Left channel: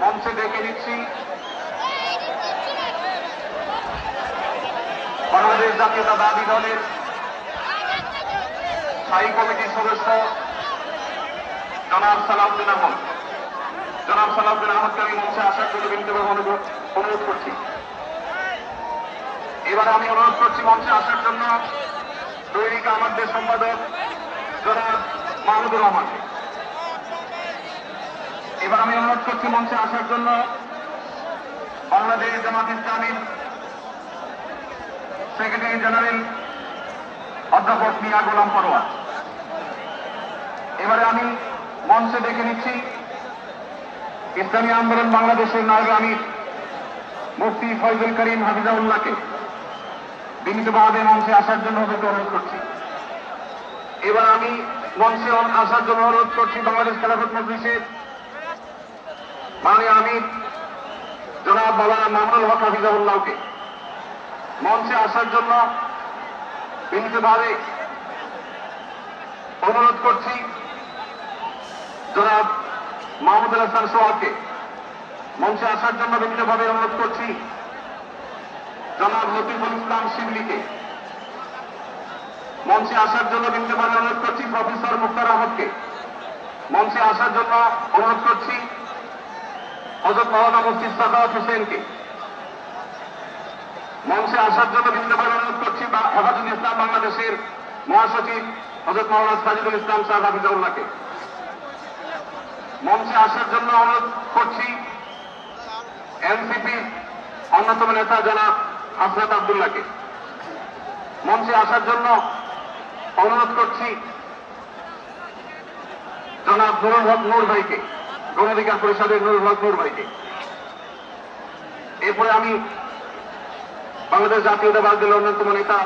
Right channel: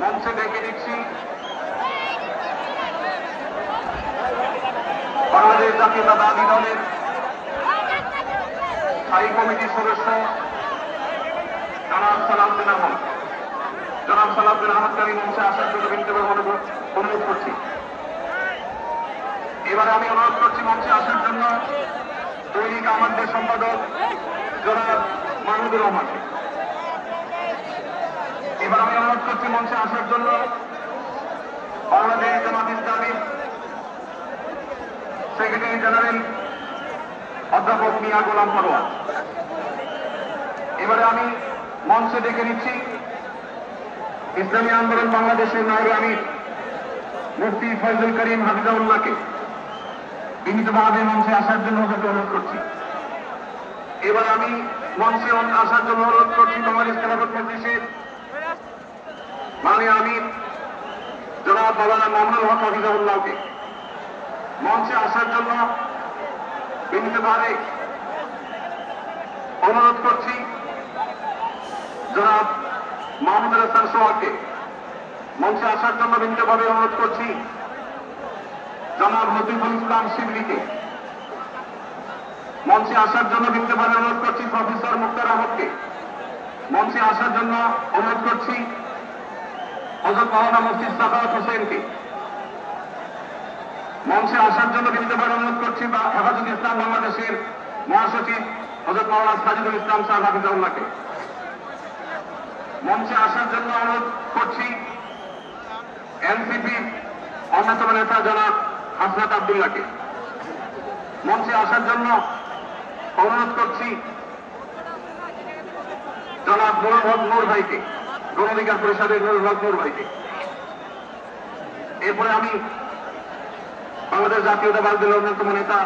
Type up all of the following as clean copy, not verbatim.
মঞ্চে ডেকে দিচ্ছি বাংলাদেশ জাতীয়তাবাদী দলের স্থায়ী কমিটির সদস্য জনাব সালাম বিন আহমদ। জনাব সালাম বিন আহমদকে আমি মঞ্চে আসার জন্য ব্যক্তিগত অনুরোধ করছি। এবার আমি অনুরোধ করছি মঞ্চে আসার জন্য দৈনিক আমাদের সম্পাদক জনাব মাহমুদুর রহমানকে। এবার আমি অনুরোধ করছি মঞ্চে আসার জন্য বাংলাদেশ জামাত ইসলামীর সেক্রেটারি জেনারেল অধ্যাপক মিয়া গোলাম পরোয়ার। এবারে আমি মঞ্চে ডেকে নিচ্ছি ইসলামী আন্দোলন বাংলাদেশের নায়েবে আমির মুফতি ফয়জুল করিম হাফিজাউল্লাহকে বিনীতভাবে মঞ্চে আসার জন্য অনুরোধ করছি। এবার আমি মঞ্চে আসার জন্য অনুরোধ করছি বাংলাদেশ খেলাফত মজলিসের মাননীয় আমির জনাব মাওলানা মামুনুল হক হাফিজাউল্লাহকে মঞ্চে আসার জন্য বিনীতভাবে অনুরোধ করছি। জনাব মাহমুদুল হাসান সোহাগকে মঞ্চে আসার জন্য বিনীতভাবে অনুরোধ করছি। জনাব রফিকুল ইসলাম শিবলিকে মঞ্চে আসার জন্য বিনীতভাবে অনুরোধ করছি। প্রফেসর মুক্তার আহমদকে মঞ্চে আসার জন্য অনুরোধ করছি। হযরত মাওলানা মুফতি সাখাওয়াত হোসেনকে মঞ্চে আসার জন্য বিনীতভাবে অনুরোধ করছি। হেফাজতুল ইসলাম বাংলাদেশের মহাসচিব হযরত মাওলানা সাজিদুল ইসলাম সাহেব হাফিজাউল্লাহকে মঞ্চে আসার জন্য অনুরোধ করছি। এনসিপির অন্যতম নেতা জনাব হাসনাত আব্দুল্লাহকে মঞ্চে আসার জন্য অনুরোধ করছি। জনাব নুরুল হক নূর ভাইকে, গণ অধিকার পরিষদের নুরুল হক নূর ভাইকে। এরপরে আমি বাংলাদেশ জাতীয়তাবাদী দলের অন্যতম নেতা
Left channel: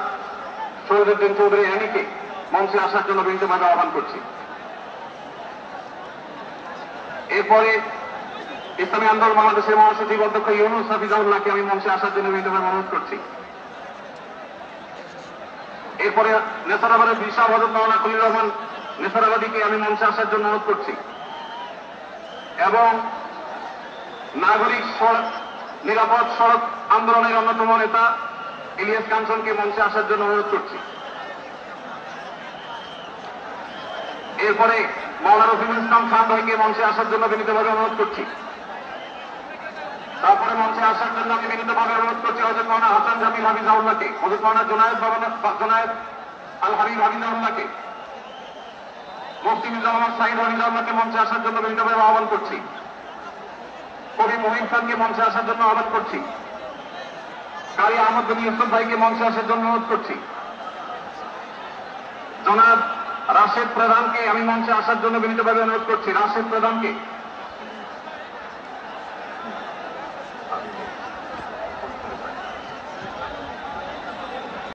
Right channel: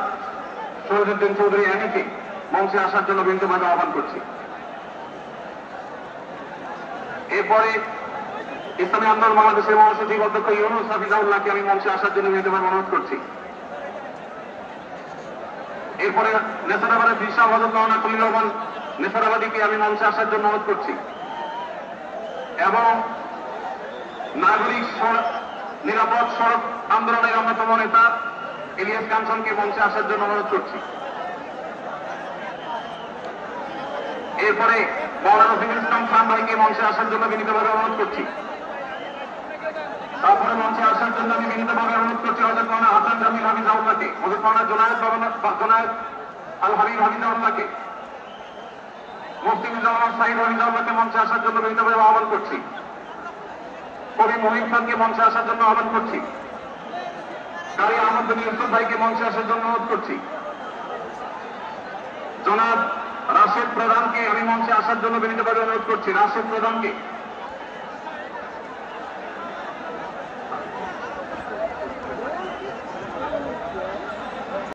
শহীদুদ্দিন চৌধুরী অ্যানিকে মঞ্চে আসার জন্য বিনীতভাবে আহ্বান করছি। এরপরে ইসলামী আন্দোলন বাংলাদেশের মহাসচিব অধ্যক্ষ ইউনুস হাফিজাউল্লাহকে আমি মঞ্চে আসার জন্য বিনীতভাবে অনুরোধ করছি। এরপরে নেসারাবাদের বিশাল হযরত মাওলানা খলিল রহমান নেসারাবাদীকে আমি মঞ্চে আসার জন্য অনুরোধ করছি এবং নাগরিক নিরাপদ সড়ক আন্দোলনের অন্যতম নেতা ইলিয়াস কাঞ্চনকে মঞ্চে আসার জন্য অনুরোধ করছি। এরপরে মাওলানা রফিকুল ইসলাম খান ভাইকে মঞ্চে আসার জন্য বিনীতভাবে অনুরোধ করছি। তারপরে মঞ্চে আসার জন্য আমি বিনীতভাবে অনুরোধ করছি হযরত মাওলানা হাসান জামিল হাফিজাউল্লাহকে, হযরত মাওলানা জুনায়েদ আল হরিম হাফিজাউল্লাহকে, মুফতি মির্জা মোহাম্মদ সাঈদ হাফিজাউল্লাহকে মঞ্চে আসার জন্য বিনীতভাবে আহ্বান করছি। কবি মুহিব খানকে মঞ্চে আসার জন্য আহ্বান করছি। কারি আহমদ বিন ইউসুফ ভাইকে মঞ্চে আসার জন্য অনুরোধ করছি। জনাব রাশেদ প্রধানকে আমি মঞ্চে আসার জন্য বিনীতভাবে অনুরোধ করছি। রাশেদ প্রধানকে